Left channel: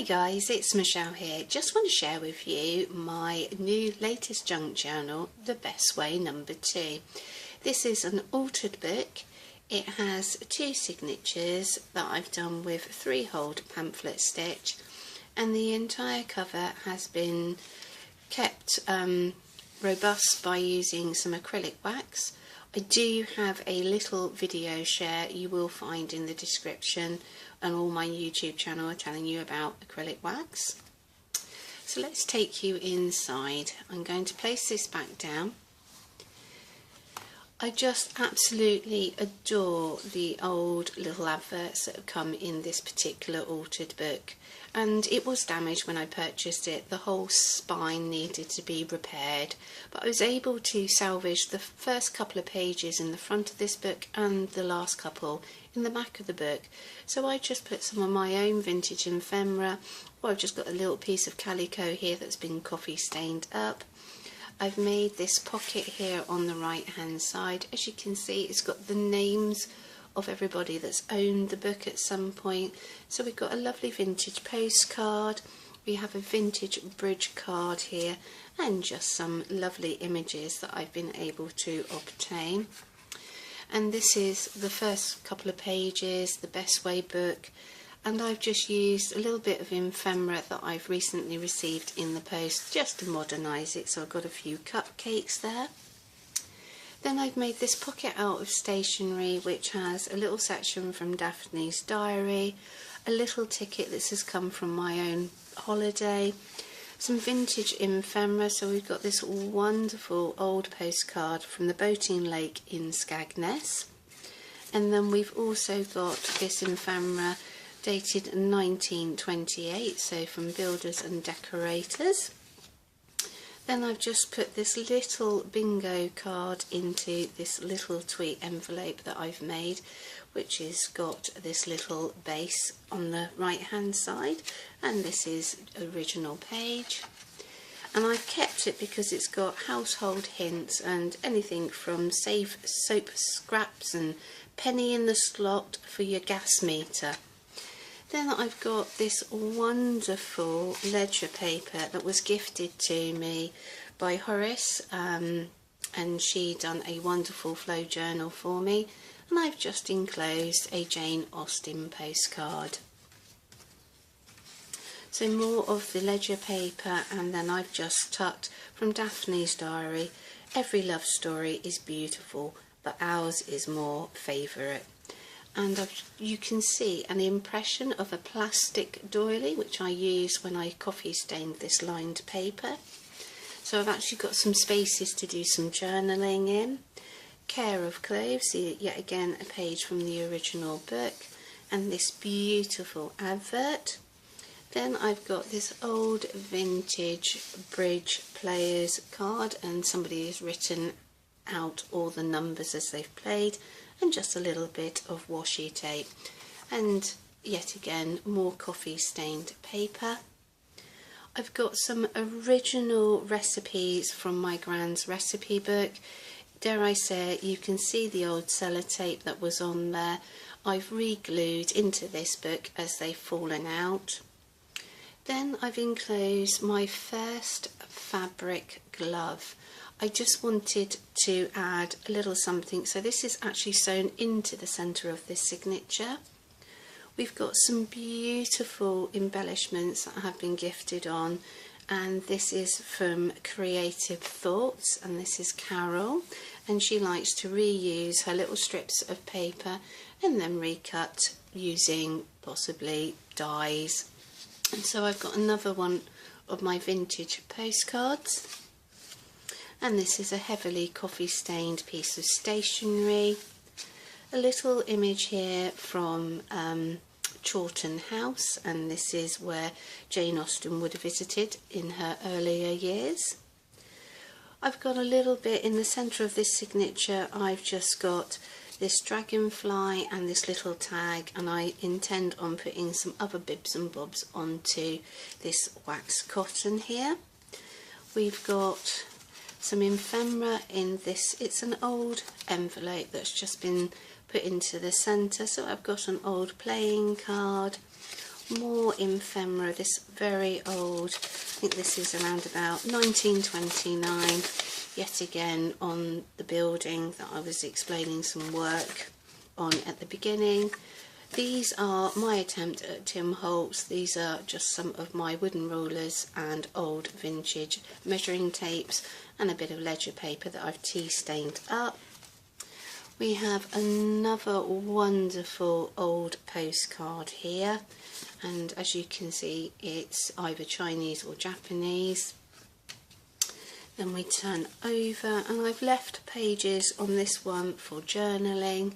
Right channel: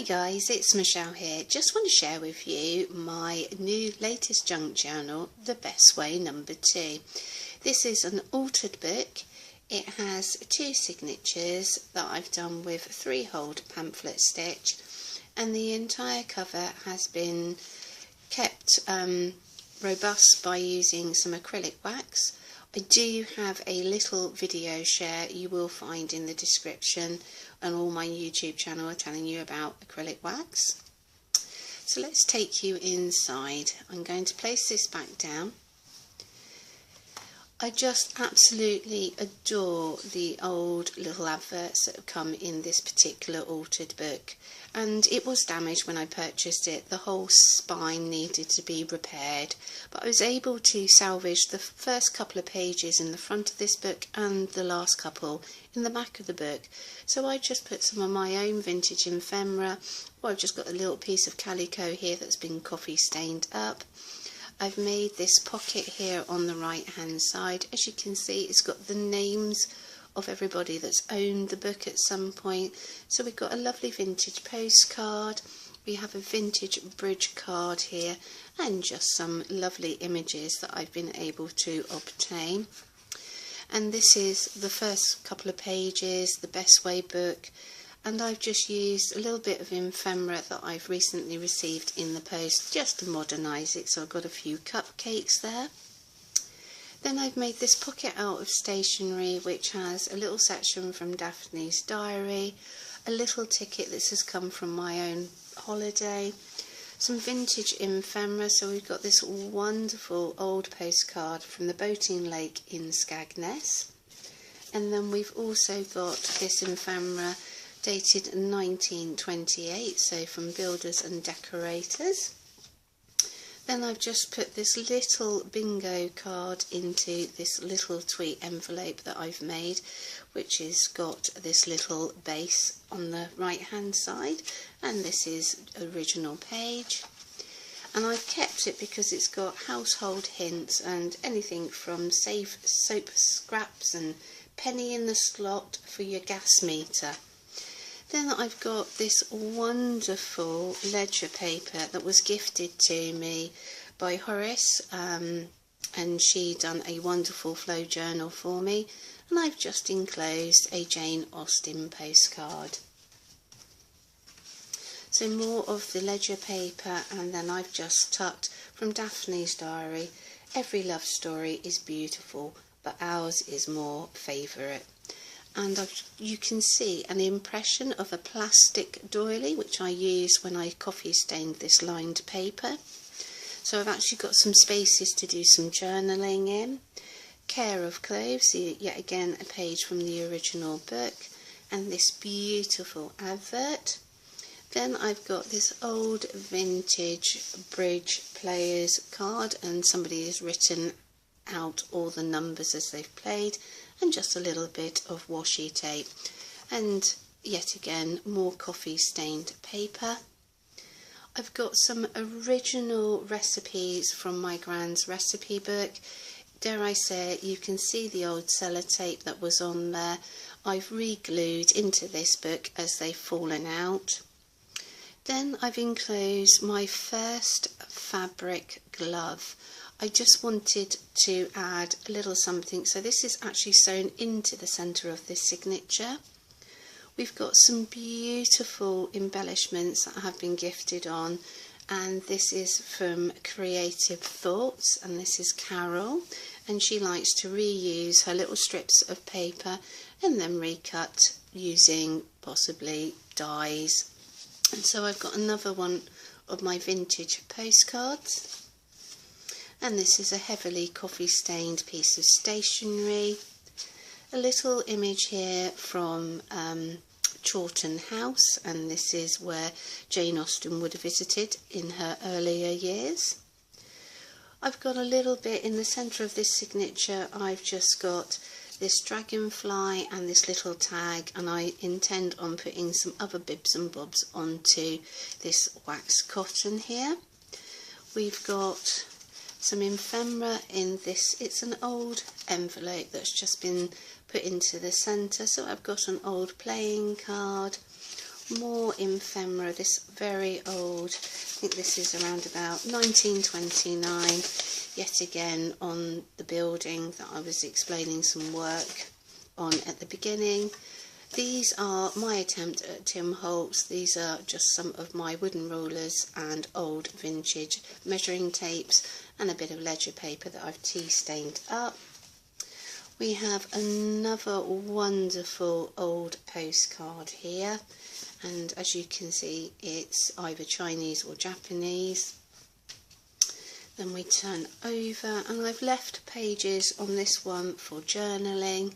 Hi guys, it's Michelle here. Just want to share with you my new latest junk journal, The Best Way #2. This is an altered book. It has 2 signatures that I've done with a 3-hold pamphlet stitch, and the entire cover has been kept robust by using some acrylic wax. I do have a little video share you will find in the description, and all my YouTube channel are telling you about acrylic wax. So let's take you inside. I'm going to place this back down. I just absolutely adore the old little adverts that have come in this particular altered book, and it was damaged when I purchased it. The whole spine needed to be repaired, but I was able to salvage the first couple of pages in the front of this book and the last couple in the back of the book. So I just put some of my own vintage ephemera, or I've just got a little piece of calico here that's been coffee stained up. I've made this pocket here on the right hand side. As you can see, it's got the names of everybody that's owned the book at some point. So we've got a lovely vintage postcard, we have a vintage bridge card here, and just some lovely images that I've been able to obtain. And this is the first couple of pages, the Best Way book. And I've just used a little bit of ephemera that I've recently received in the post just to modernise it, so I've got a few cupcakes there. Then I've made this pocket out of stationery which has a little section from Daphne's diary, a little ticket. This has come from my own holiday, some vintage ephemera. So we've got this wonderful old postcard from the boating lake in Skegness, and then we've also got this ephemera dated 1928, so from Builders and Decorators. Then I've just put this little bingo card into this little tweet envelope that I've made, which has got this little base on the right hand side, and this is original page. And I've kept it because it's got household hints and anything from save soap scraps and penny in the slot for your gas meter. Then I've got this wonderful ledger paper that was gifted to me by Horace, and she done a wonderful flow journal for me, and I've just enclosed a Jane Austen postcard. So more of the ledger paper, and then I've just tucked from Daphne's diary, every love story is beautiful, but ours is more favourite. And you can see an impression of a plastic doily which I used when I coffee stained this lined paper. So I've actually got some spaces to do some journaling in. Care of Cloves, yet again a page from the original book, and this beautiful advert. Then I've got this old vintage bridge players card, and somebody has written out all the numbers as they've played, and just a little bit of washi tape, and yet again more coffee stained paper. I've got some original recipes from my Gran's recipe book. Dare I say, you can see the old sellotape that was on there. I've re-glued into this book as they've fallen out. Then I've enclosed my first fabric glove. I just wanted to add a little something, so this is actually sewn into the centre of this signature. We've got some beautiful embellishments that have been gifted on, and this is from Creative Thoughts, and this is Carol, and she likes to reuse her little strips of paper and then recut using possibly dies. And so I've got another one of my vintage postcards. And this is a heavily coffee stained piece of stationery. A little image here from Chawton House, and this is where Jane Austen would have visited in her earlier years. I've got a little bit in the centre of this signature. I've just got this dragonfly and this little tag, and I intend on putting some other bibs and bobs onto this wax cotton here. We've got some ephemera in this. It's an old envelope that's just been put into the centre. So I've got an old playing card, more ephemera, this very old, I think this is around about 1929, yet again on the building that I was explaining some work on at the beginning. These are my attempt at Tim Holtz. These are just some of my wooden rulers and old vintage measuring tapes and a bit of ledger paper that I've tea stained up. We have another wonderful old postcard here, and as you can see it's either Chinese or Japanese. Then we turn over and I've left pages on this one for journaling.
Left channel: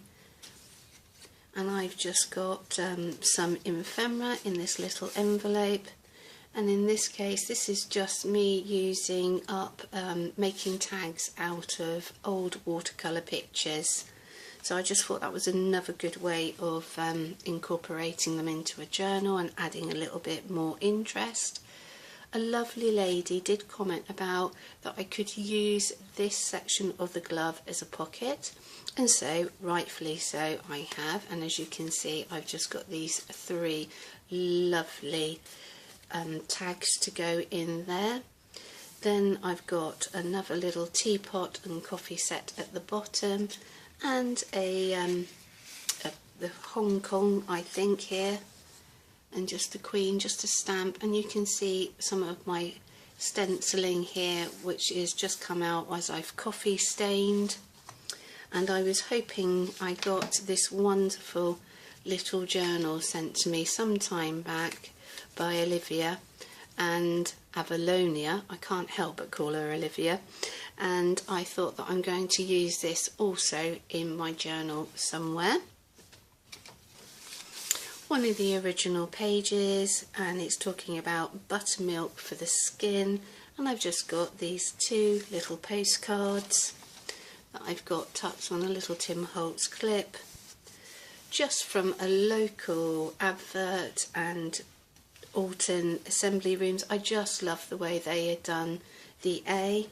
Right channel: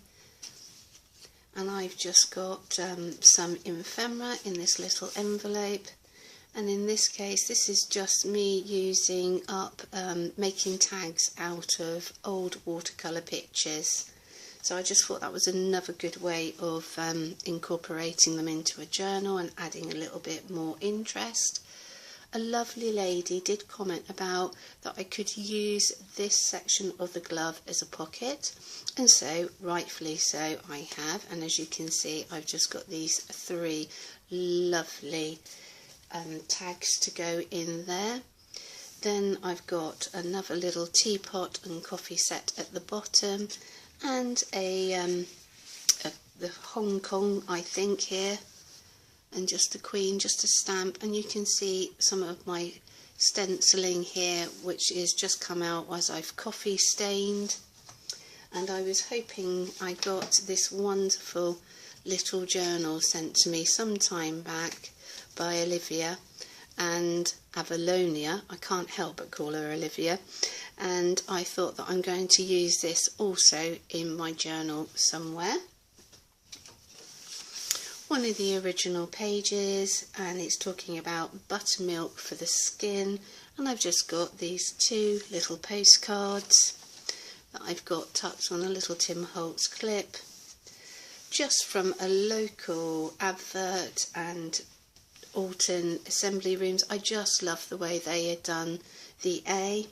And I've just got some ephemera in this little envelope, and in this case this is just me using up making tags out of old watercolour pictures. So I just thought that was another good way of incorporating them into a journal and adding a little bit more interest. A lovely lady did comment about that I could use this section of the glove as a pocket, and so rightfully so I have, and as you can see I've just got these 3 lovely tags to go in there. Then I've got another little teapot and coffee set at the bottom, and the Hong Kong I think here, and just the Queen, just a stamp, and you can see some of my stenciling here which is just come out as I've coffee stained. And I was hoping I got this wonderful little journal sent to me some time back by Olivia and Avalonia. I can't help but call her Olivia, and I thought that I'm going to use this also in my journal somewhere. One of the original pages, and it's talking about buttermilk for the skin, and I've just got these 2 little postcards that I've got tucked on a little Tim Holtz clip, just from a local advert and Alton assembly rooms. I just love the way they had done the A.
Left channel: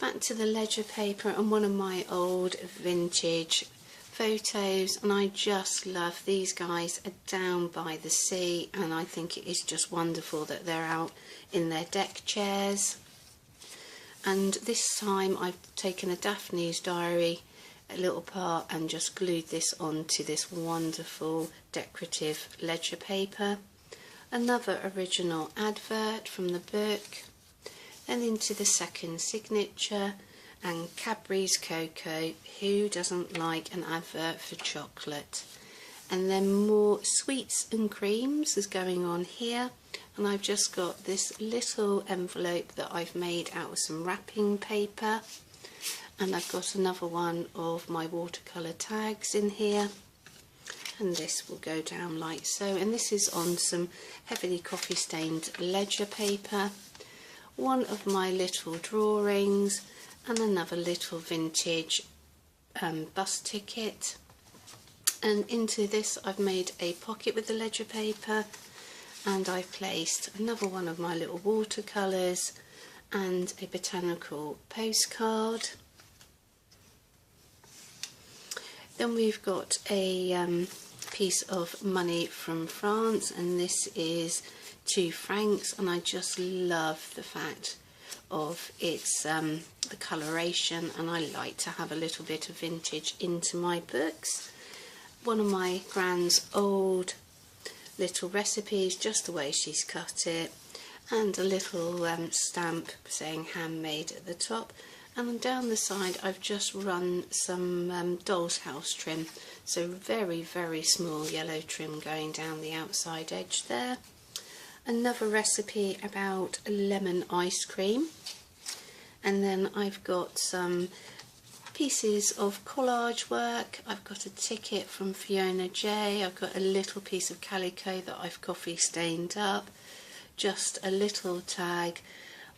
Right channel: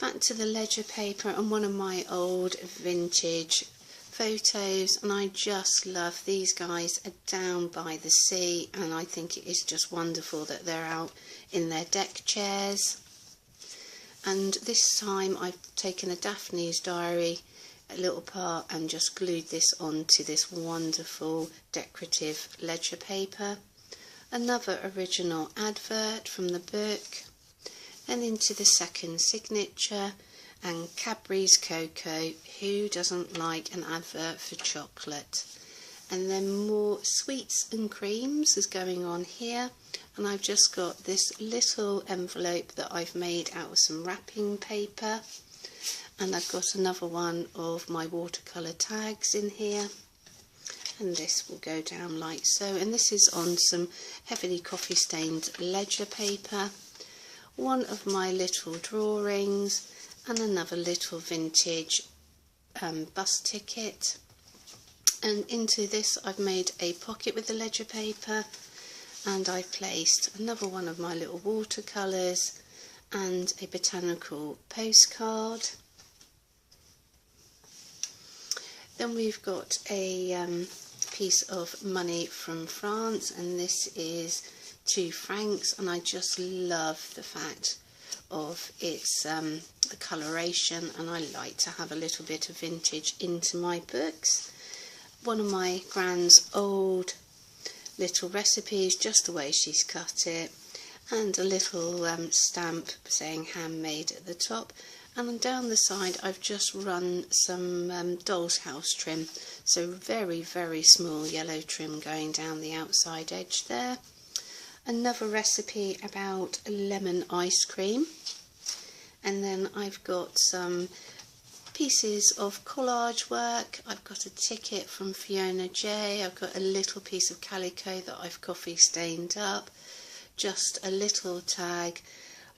Back to the ledger paper and one of my old vintage photos, and I just love these guys are down by the sea, and I think it is just wonderful that they're out in their deck chairs. And this time I've taken a Daphne's diary, a little part, and just glued this onto this wonderful decorative ledger paper. Another original advert from the book, and into the second signature, and Cadbury's Cocoa, who doesn't like an advert for chocolate? And then more sweets and creams is going on here, and I've just got this little envelope that I've made out of some wrapping paper, and I've got another one of my watercolour tags in here, and this will go down like so, and this is on some heavily coffee stained ledger paper, one of my little drawings, and another little vintage bus ticket. And into this I've made a pocket with the ledger paper, and I placed another one of my little watercolours and a botanical postcard. Then we've got a piece of money from France, and this is 2 francs, and I just love the fact of its the coloration, and I like to have a little bit of vintage into my books. One of my Gran's old little recipes, just the way she's cut it, and a little stamp saying handmade at the top, and down the side I've just run some doll's house trim, so very small yellow trim going down the outside edge there. Another recipe about lemon ice cream, and then I've got some pieces of collage work. I've got a ticket from Fiona J. I've got a little piece of calico that I've coffee stained up, just a little tag.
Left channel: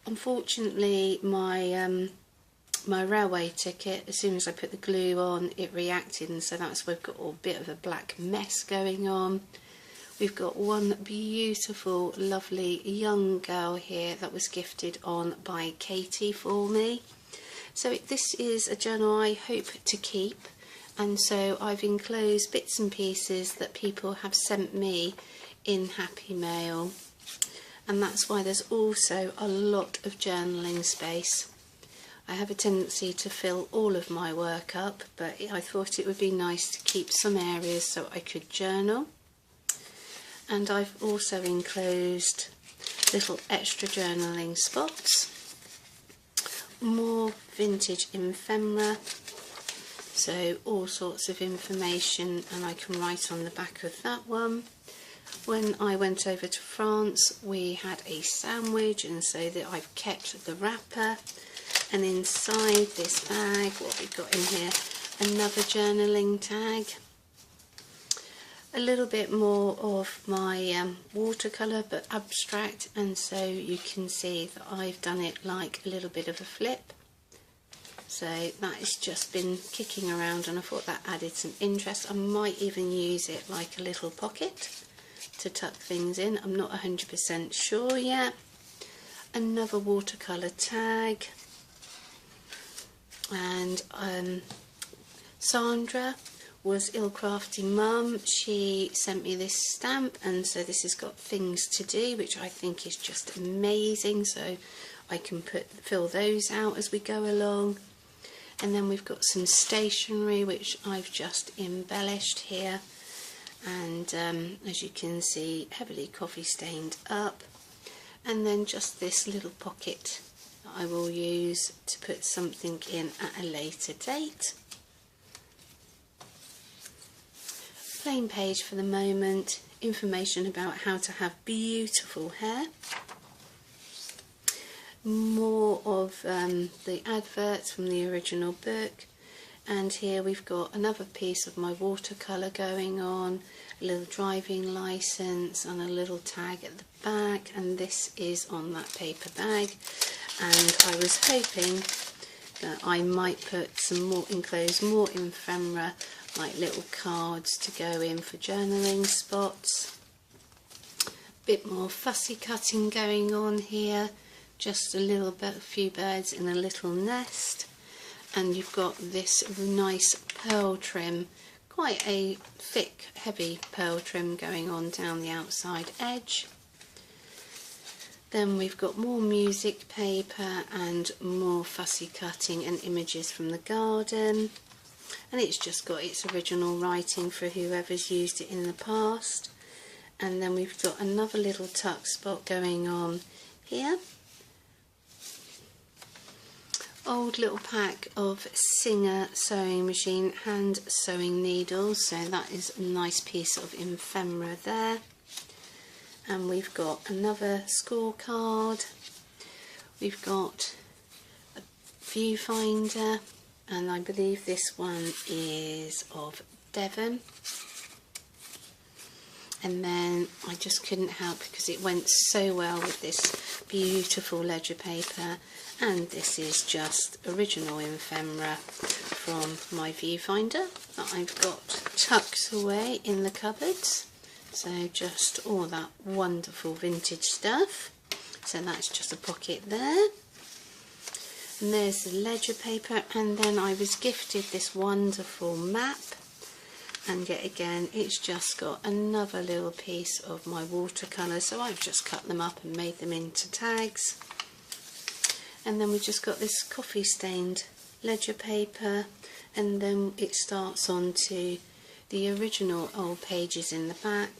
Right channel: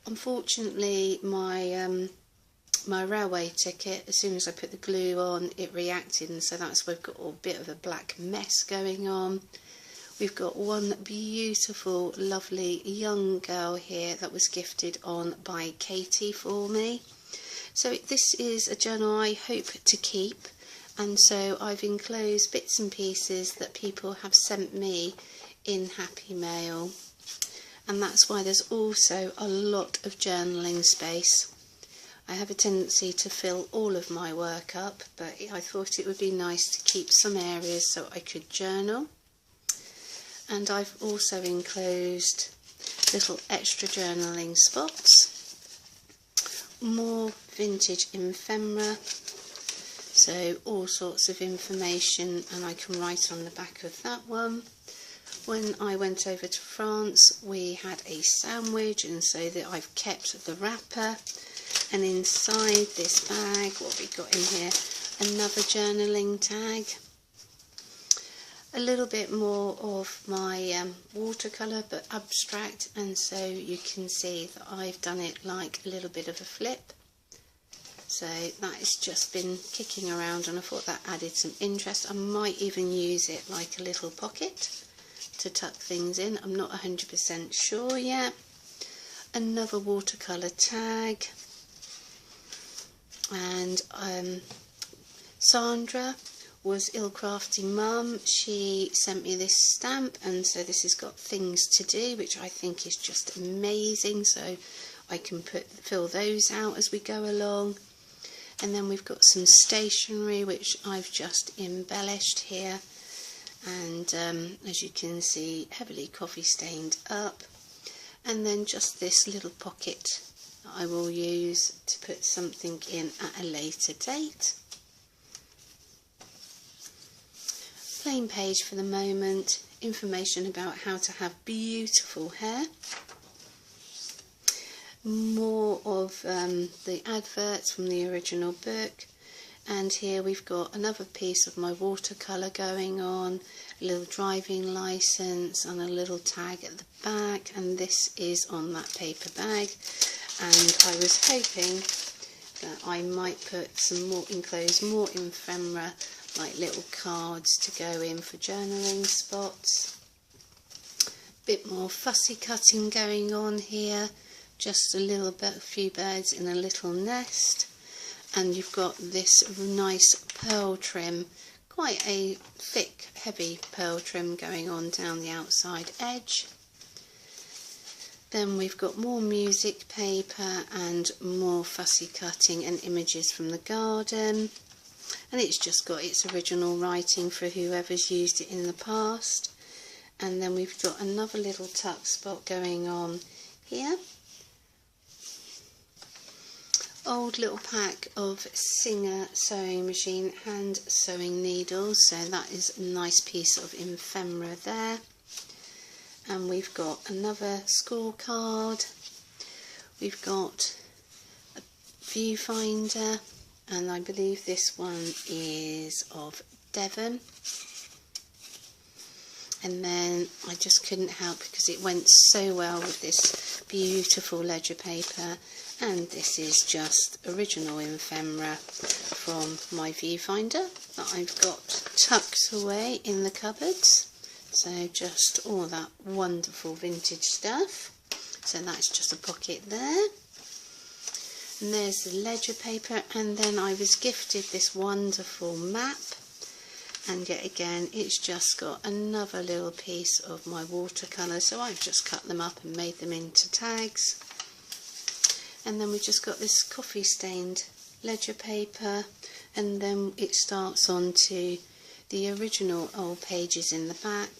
Unfortunately my my railway ticket, as soon as I put the glue on, it reacted, and so that's where we've got a bit of a black mess going on. We've got one beautiful, lovely young girl here that was gifted on by Katie for me. So this is a journal I hope to keep, and so I've enclosed bits and pieces that people have sent me in Happy Mail, and that's why there's also a lot of journaling space. I have a tendency to fill all of my work up, but I thought it would be nice to keep some areas so I could journal. And I've also enclosed little extra journaling spots, more vintage ephemera, so all sorts of information, and I can write on the back of that one. When I went over to France, we had a sandwich, and so that I've kept the wrapper. And inside this bag, what we got in here, another journaling tag. A little bit more of my watercolour, but abstract, and so you can see that I've done it like a little bit of a flip. So that has just been kicking around, and I thought that added some interest. I might even use it like a little pocket to tuck things in. I'm not 100% sure yet. Another watercolour tag. And Sandra was Ill-Crafty Mum. She sent me this stamp, and so this has got things to do, which I think is just amazing, so I can fill those out as we go along. And then we've got some stationery which I've just embellished here, and as you can see, heavily coffee stained up. And then just this little pocket I will use to put something in at a later date. Plain page for the moment, information about how to have beautiful hair. More of the adverts from the original book, and here we've got another piece of my watercolour going on, a little driving licence and a little tag at the back, and this is on that paper bag. And I was hoping that I might put some more, enclose more ephemera, like little cards to go in for journaling spots. Bit more fussy cutting going on here, just a little bit, a few birds in a little nest. And you've got this nice pearl trim, quite a thick, heavy pearl trim going on down the outside edge. Then we've got more music paper and more fussy cutting and images from the garden. And it's just got its original writing for whoever's used it in the past. And then we've got another little tuck spot going on here. Old little pack of Singer sewing machine hand sewing needles, so that is a nice piece of ephemera there. And we've got another scorecard, we've got a viewfinder, and I believe this one is of Devon. And then I just couldn't help because it went so well with this beautiful ledger paper, and this is just original ephemera from my viewfinder that I've got tucked away in the cupboards. So just all that wonderful vintage stuff. So that's just a pocket there. And there's the ledger paper, and then I was gifted this wonderful map. And yet again, it's just got another little piece of my watercolour, so I've just cut them up and made them into tags. And then we've just got this coffee stained ledger paper, and then it starts on to the original old pages in the back.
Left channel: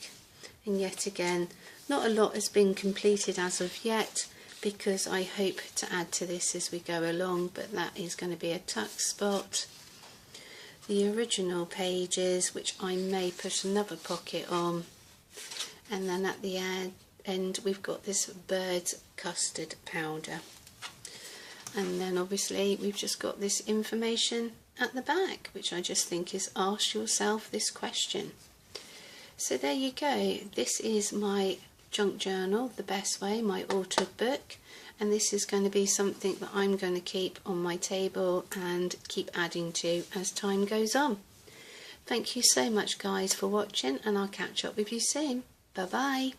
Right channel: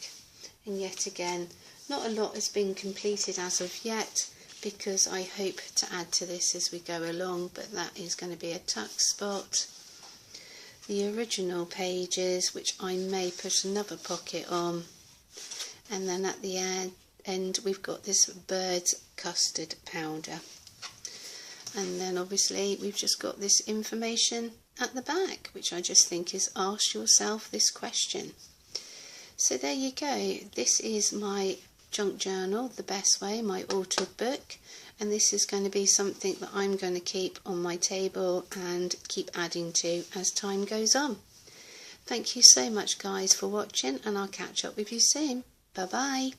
And yet again, not a lot has been completed as of yet, because I hope to add to this as we go along, but that is going to be a tuck spot. The original pages, which I may put another pocket on, and then at the end we've got this bird custard powder, and then obviously we've just got this information at the back, which I just think is ask yourself this question. So there you go, this is my junk journal, the best way, my auto book, and this is going to be something that I'm going to keep on my table and keep adding to as time goes on. Thank you so much guys for watching, and I'll catch up with you soon. Bye bye.